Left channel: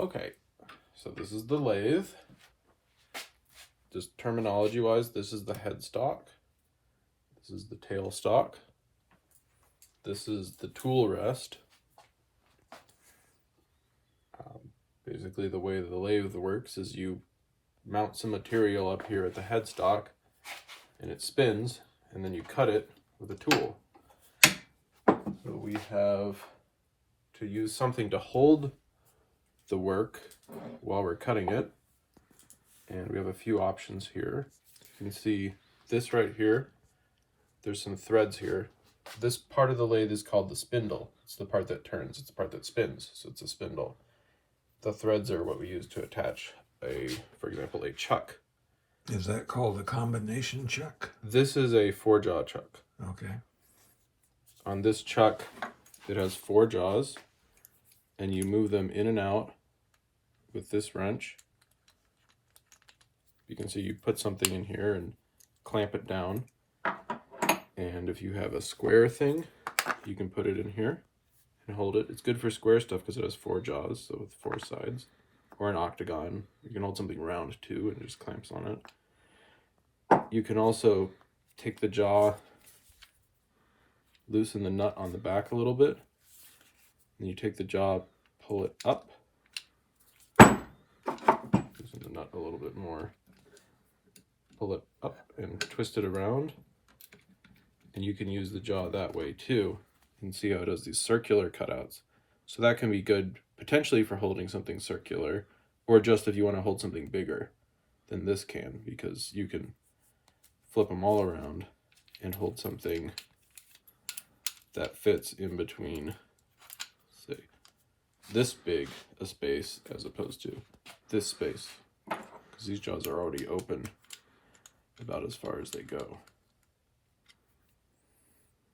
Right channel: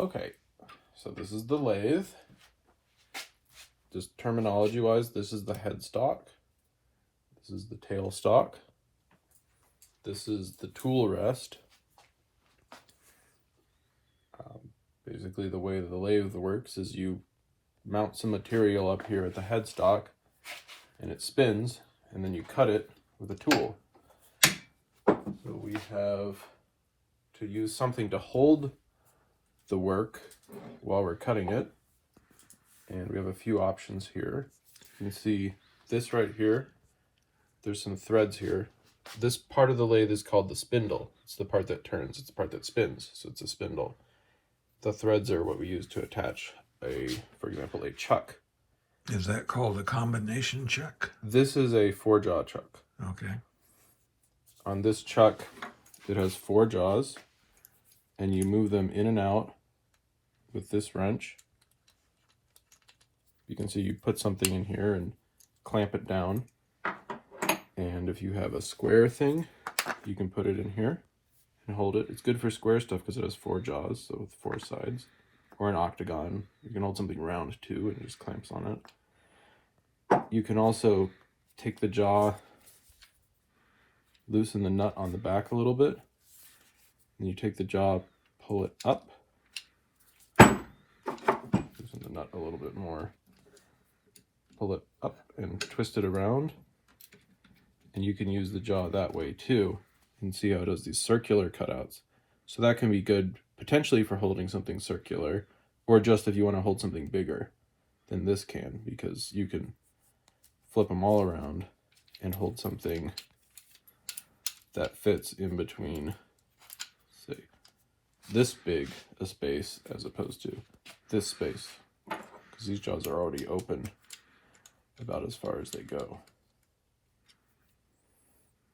Okay, so this is the lathe. Just terminology-wise, this is the headstock. This is the tailstock. This is the tool rest. Basically, the way the lathe works is you mount some material up here at the headstock, and it spins, and then you cut it with a tool. So we have to use something to hold the work while we're cutting it, and we have a few options here. You can see this right here. There's some threads here. This part of the lathe is called the spindle. It's the part that turns, it's the part that spins, so it's a spindle. The threads are what we use to attach for example, a chuck. Is that called a combination chuck? This is a 4-jaw chuck. Okay. On this chuck, it has 4 jaws, and you move them in and out with this wrench. You can see you put something in here and clamp it down. And if you have a square thing, you can put it in here and hold it. It's good for square stuff because it has 4 jaws, so with 4 sides. Or an octagon. You can hold something round too and it just clamps on it. You can also take the jaw, loosen the nut on the back a little bit, and you take the jaw, pull it up, loosen the nut a little bit more, pull it up and twist it around, and you can use the jaw that way too. You can see how it does these circular cutouts. So that can be good potentially for holding something circular, or just if you want to hold something bigger than this can, because you can flip them all around and hold something that fits in between, say, this big a space as opposed to this space, because these jaws are already open about as far as they go.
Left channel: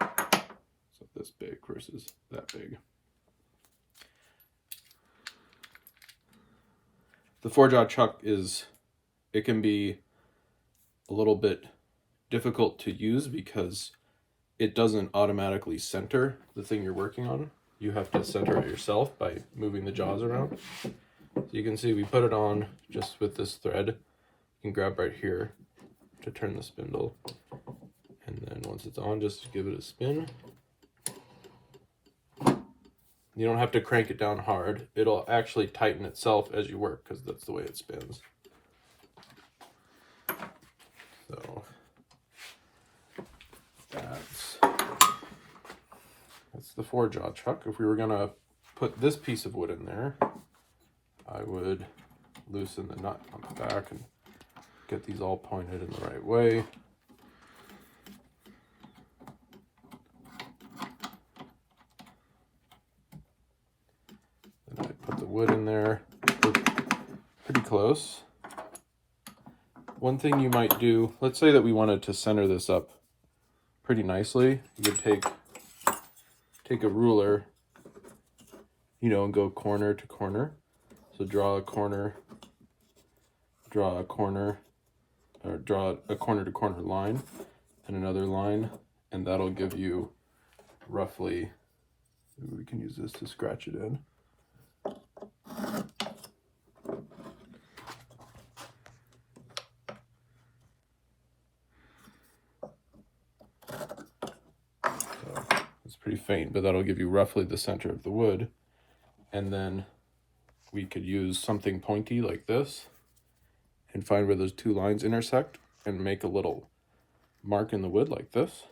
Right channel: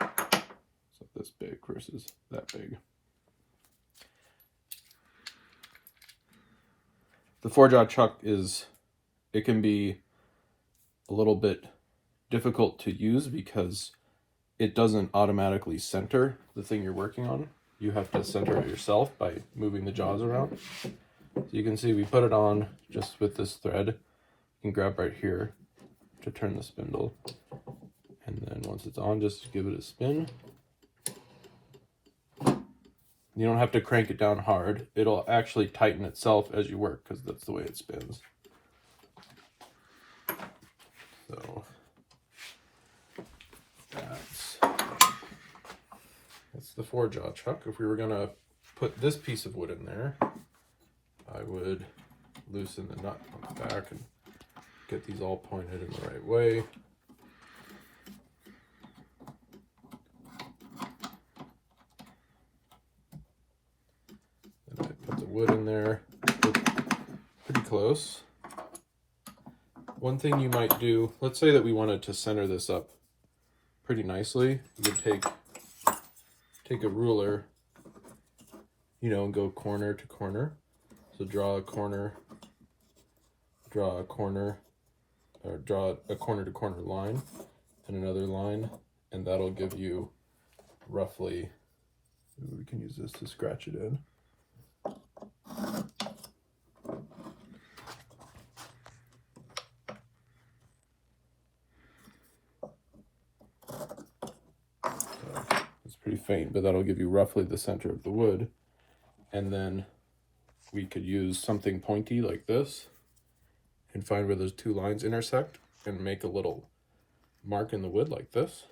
So this big versus that big. The 4-jaw chuck it can be a little bit difficult to use because it doesn't automatically center the thing you're working on. You have to center it yourself by moving the jaws around. So you can see we put it on just with this thread. You can grab right here to turn the spindle. And then once it's on, just give it a spin. You don't have to crank it down hard. It'll actually tighten itself as you work because that's the way it spins. So that's the 4-jaw chuck. If we were gonna put this piece of wood in there, I would loosen the nut on the back and get these all pointed in the right way. Wood in there, pretty close. One thing you might do, let's say that we wanted to center this up pretty nicely, you would take a ruler, and go corner to corner. So draw a corner to corner line and another line, and that'll give you roughly, we can use this to scratch it in. It's pretty faint, but that'll give you roughly the center of the wood. And then we could use something pointy like this and find where those 2 lines intersect and make a little mark in the wood like this.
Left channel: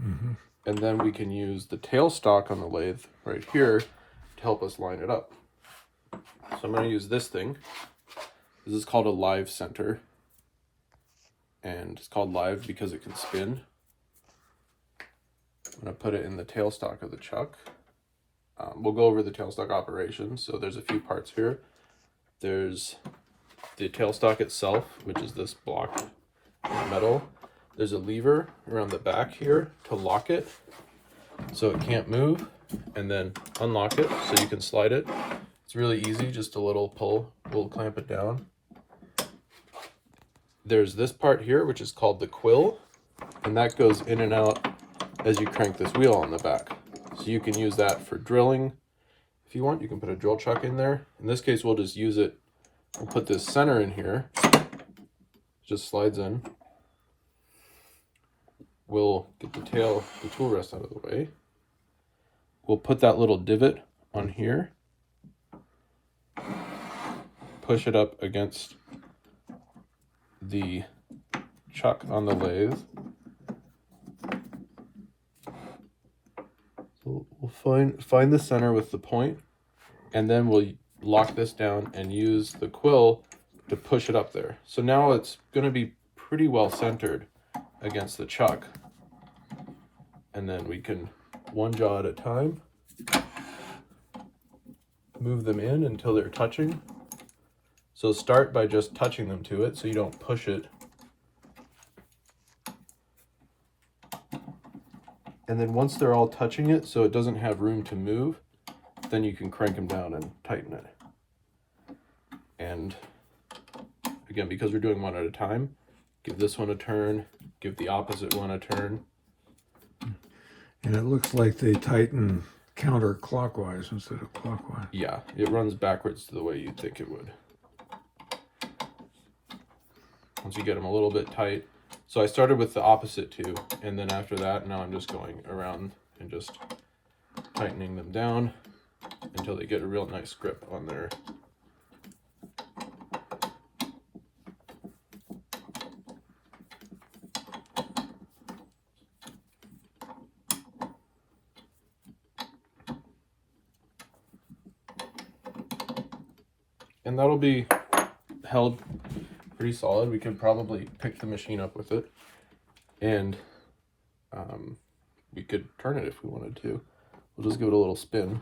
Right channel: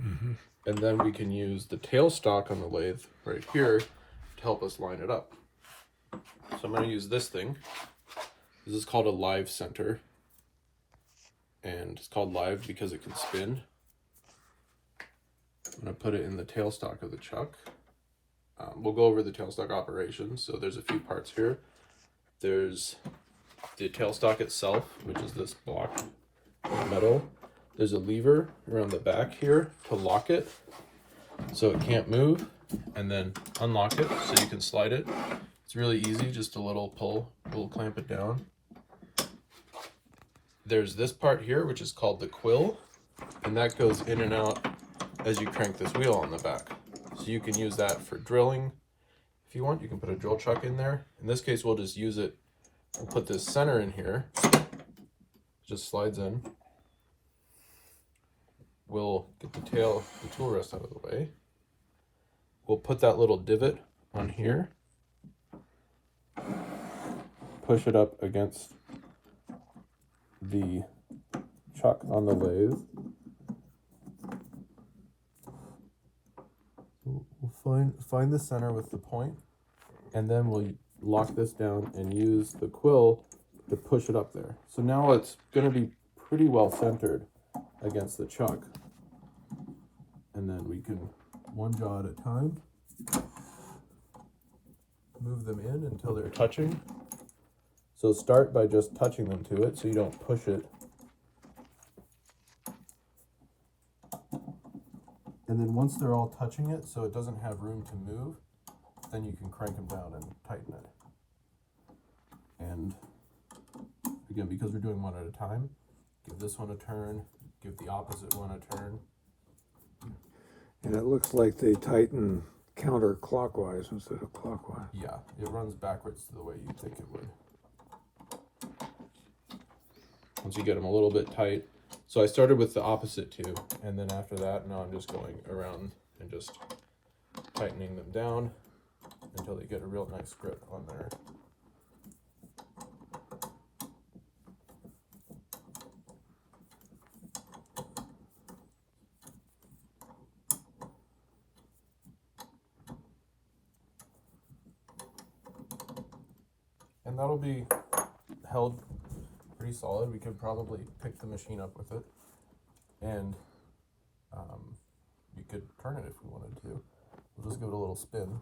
Mm-hmm. And then we can use the tailstock on the lathe right here to help us line it up. So I'm going to use this thing. This is called a live center. And it's called live because it can spin. I'm going to put it in the tailstock of the chuck. We'll go over the tailstock operation. So there's a few parts here. There's the tailstock itself, which is this block of metal. There's a lever around the back here to lock it so it can't move, and then unlock it so you can slide it. It's really easy, just a little pull, we'll clamp it down. There's this part here, which is called the quill, and that goes in and out as you crank this wheel on the back. So you can use that for drilling. If you want, you can put a drill chuck in there. In this case, we'll just use it. We'll put this center in here. It just slides in. We'll get the tool rest out of the way. We'll put that little divot on here. Push it up against the chuck on the lathe. So we'll find the center with the point, and then we'll lock this down and use the quill to push it up there. So now it's going to be pretty well centered against the chuck. And then we can, one jaw at a time, move them in until they're touching. So start by just touching them to it so you don't push it. And then once they're all touching it so it doesn't have room to move, then you can crank them down and tighten it. And again, because we're doing one at a time, give this one a turn, give the opposite one a turn. And it looks like they tighten counterclockwise instead of clockwise. Yeah, it runs backwards to the way you'd think it would. Once you get them a little bit tight. So I started with the opposite two, and then after that, now I'm just going around and just tightening them down until they get a real nice grip on there. And that'll be held pretty solid. We could probably pick the machine up with it, and we could turn it if we wanted to. We'll just give it a little spin.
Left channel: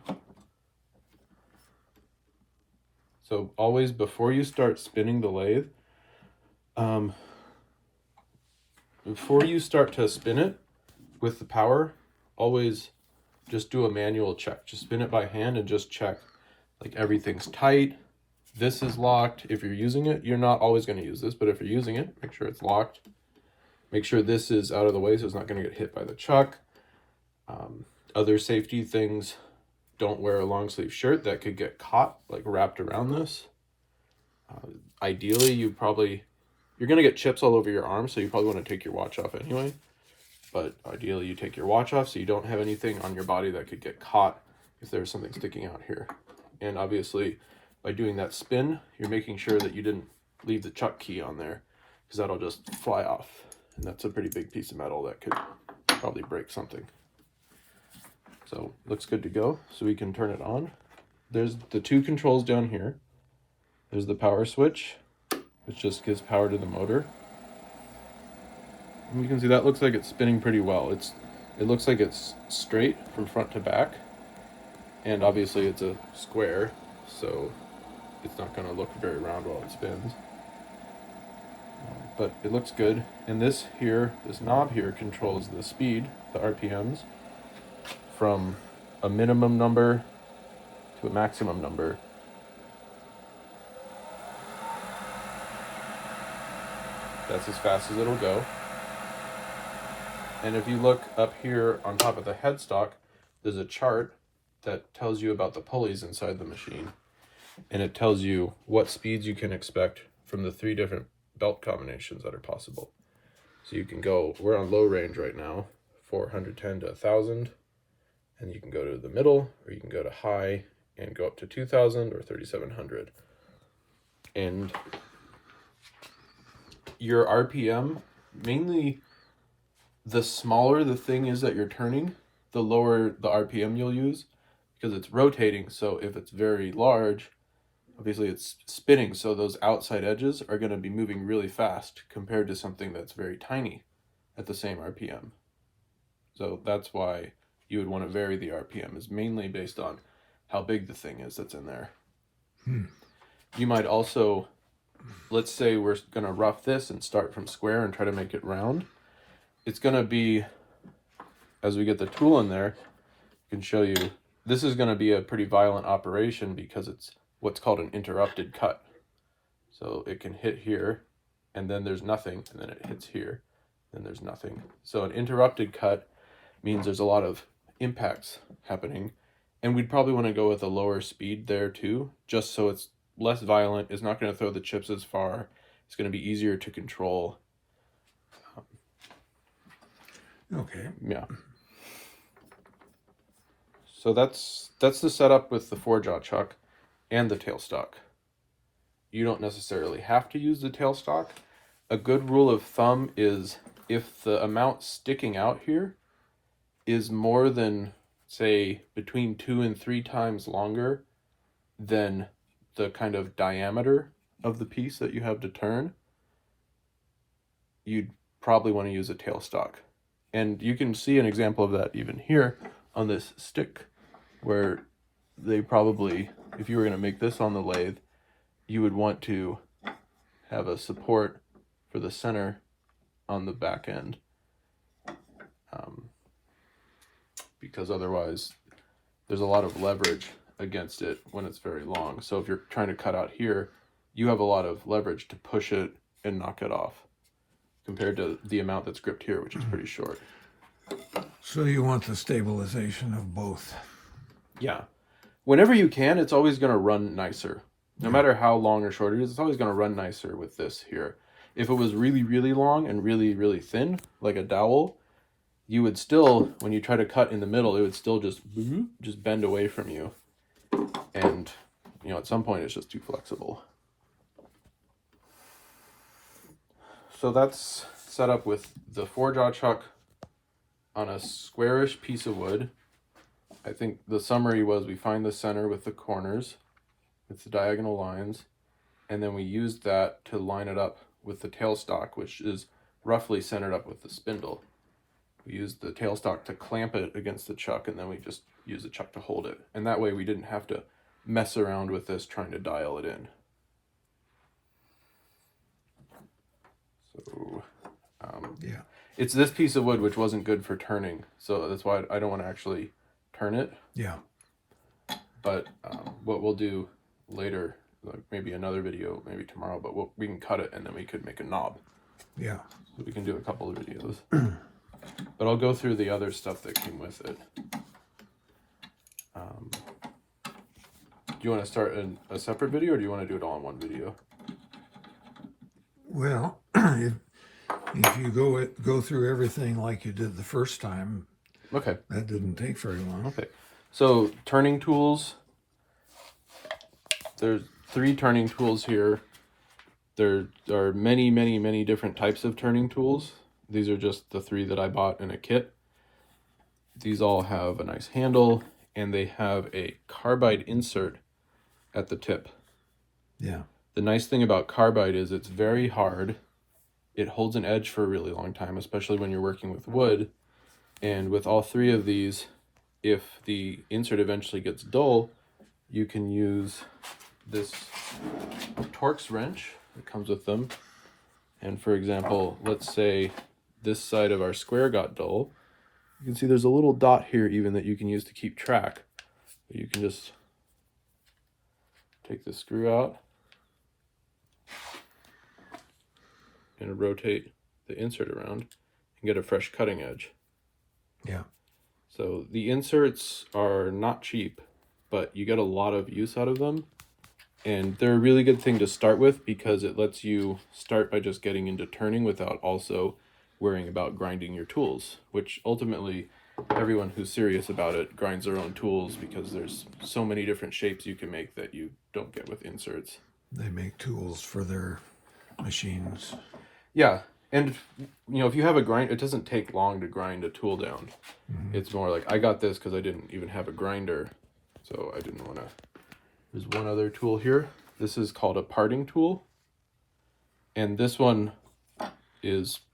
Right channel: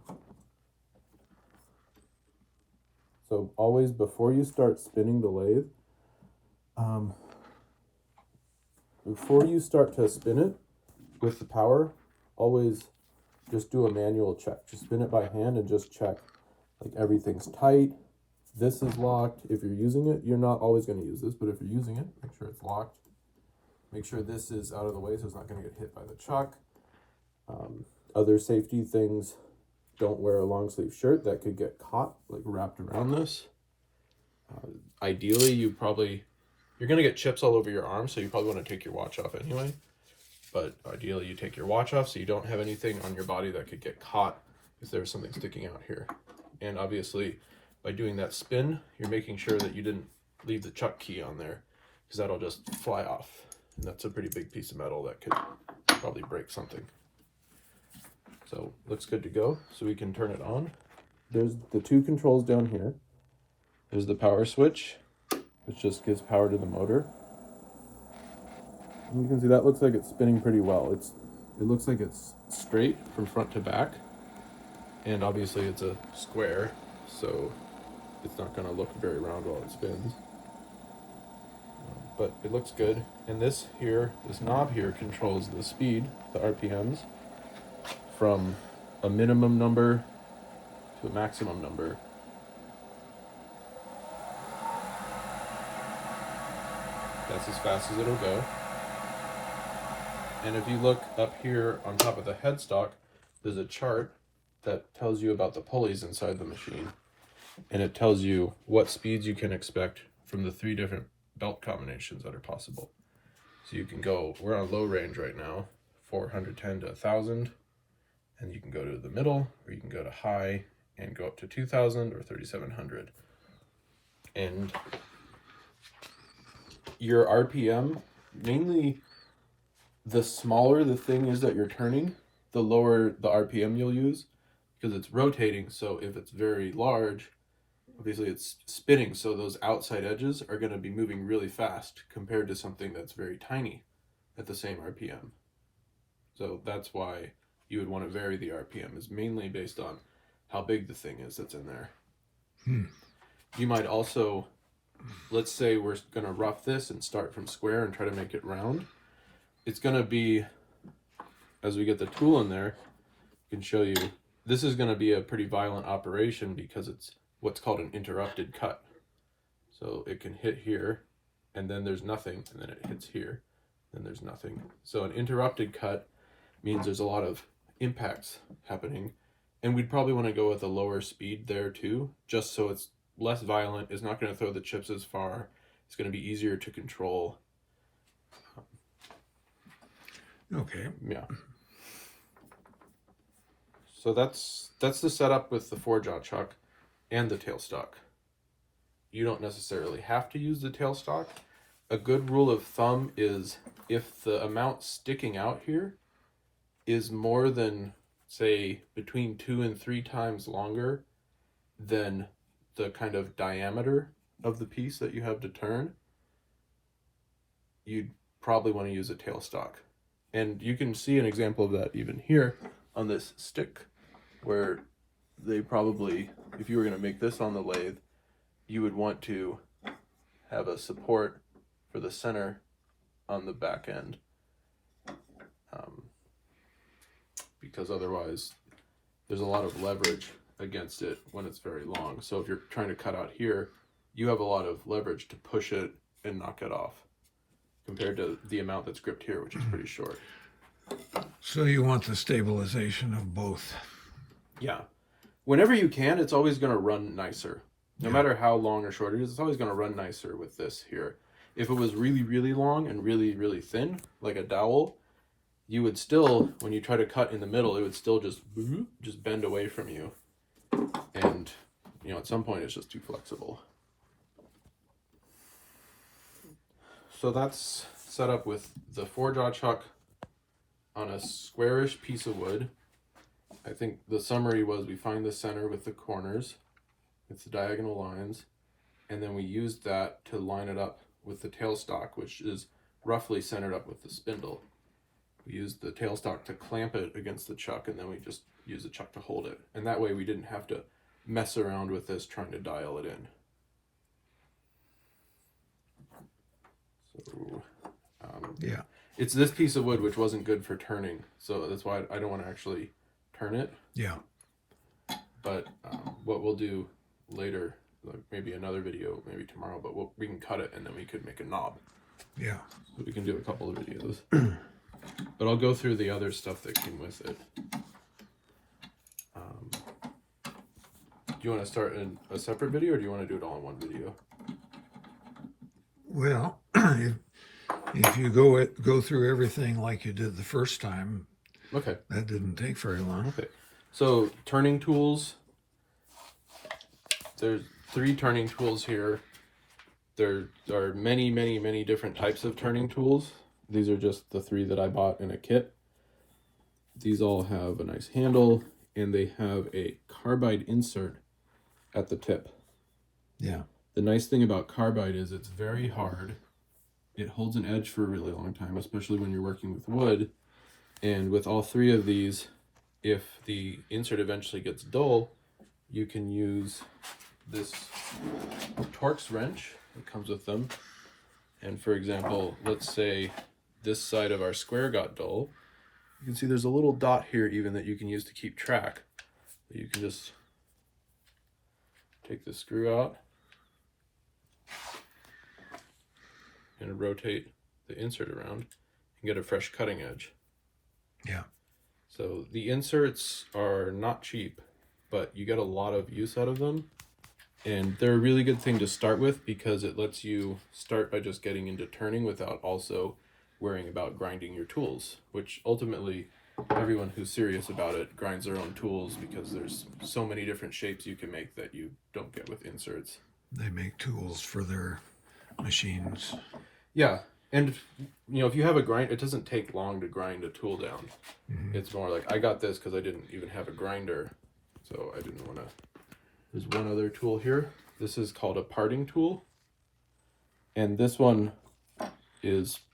So always before you start spinning the lathe, before you start to spin it with the power, always just do a manual check. Just spin it by hand and just check like everything's tight. This is locked. If you're using it, you're not always going to use this, but if you're using it, make sure it's locked. Make sure this is out of the way so it's not going to get hit by the chuck. Other safety things, don't wear a long sleeve shirt that could get caught, like wrapped around this. Ideally, you're going to get chips all over your arm, so you probably want to take your watch off anyway. But ideally, you take your watch off so you don't have anything on your body that could get caught if there's something sticking out here. And obviously, by doing that spin, you're making sure that you didn't leave the chuck key on there, because that'll just fly off. And that's a pretty big piece of metal that could probably break something. So looks good to go. So we can turn it on. There's the two controls down here. There's the power switch, which just gives power to the motor. And you can see that looks like it's spinning pretty well. It looks like it's straight from front to back. And obviously it's a square, so it's not going to look very round while it spins. But it looks good. And this knob here controls the speed, the RPMs, from a minimum number to a maximum number. That's as fast as it'll go. And if you look up here on top of the headstock, there's a chart that tells you about the pulleys inside the machine. And it tells you what speeds you can expect from the 3 different belt combinations that are possible. So you can go, we're on low range right now, 410 to 1000. And you can go to the middle, or you can go to high and go up to 2000 or 3700. And your RPM, mainly the smaller the thing is that you're turning, the lower the RPM you'll use, because it's rotating. So if it's very large, obviously it's spinning, so those outside edges are going to be moving really fast compared to something that's very tiny at the same RPM. So that's why you would want to vary the RPM, is mainly based on how big the thing is that's in there. You might also, let's say we're going to rough this and start from square and try to make it round. It's going to be, as we get the tool in there, I can show you, this is going to be a pretty violent operation because it's what's called an interrupted cut. So it can hit here, and then there's nothing, and then it hits here, and there's nothing. So an interrupted cut means there's a lot of impacts happening, And we'd probably want to go with a lower speed there too, just so it's less violent. It's not going to throw the chips as far. It's going to be easier to control. Okay. Yeah. So that's the setup with the 4-jaw chuck and the tailstock. You don't necessarily have to use the tailstock. A good rule of thumb is if the amount sticking out here is more than, say, between 2 and 3 times longer than the kind of diameter of the piece that you have to turn, you'd probably want to use a tailstock. And you can see an example of that even here on this stick, where they probably, if you were going to make this on the lathe, you would want to have a support for the center on the back end, because otherwise there's a lot of leverage against it when it's very long. So if you're trying to cut out here, you have a lot of leverage to push it and knock it off compared to the amount that's gripped here, which is pretty short. So you want the stabilization of both. Yeah. Whenever you can, it's always going to run nicer. No matter how long or short it is, it's always going to run nicer with this here. If it was really, really long and really, really thin, like a dowel, you would still, when you try to cut in the middle, it would still just bend away from you. And, you know, at some point it's just too flexible. So that's set up with the 4-jaw chuck on a squarish piece of wood. I think the summary was we find the center with the corners, with the diagonal lines, and then we used that to line it up with the tailstock, which is roughly centered up with the spindle. We used the tailstock to clamp it against the chuck, and then we just used the chuck to hold it. And that way we didn't have to mess around with this trying to dial it in. So, Yeah. it's this piece of wood which wasn't good for turning, so that's why I don't want to actually turn it. Yeah. But what we'll do later, like maybe another video, maybe tomorrow, but we can cut it and then we could make a knob. Yeah. We can do a couple of videos. But I'll go through the other stuff that came with it. Do you want to start a separate video, or do you want to do it all in one video? Well, if you go through everything like you did the first time, Okay. that didn't take very long. Okay. So turning tools. There's 3 turning tools here. There are many, many, many different types of turning tools. These are just the 3 that I bought in a kit. These all have a nice handle, and they have a carbide insert at the tip. Yeah. The nice thing about carbide is it's very hard. It holds an edge for a really long time, especially when you're working with wood. And with all 3 of these, if the insert eventually gets dull, you can use this Torx wrench that comes with them. And for example, let's say this side of our square got dull. You can see there's a little dot here even that you can use to keep track. You can just take the screw out and rotate the insert around and get a fresh cutting edge. Yeah. So the inserts are not cheap, but you get a lot of use out of them. And they're a really good thing to start with because it lets you start by just getting into turning without also worrying about grinding your tools, which ultimately everyone who's serious about it grinds their own tools because there's so many different shapes you can make that you don't get with inserts. They make tools for their machines. Yeah. And, you know, if you have a grind, it doesn't take long to grind a tool down. Mm-hmm. It's more like, I got this because I didn't even have a grinder, so I didn't want to. There's one other tool here. This is called a parting tool. And this one is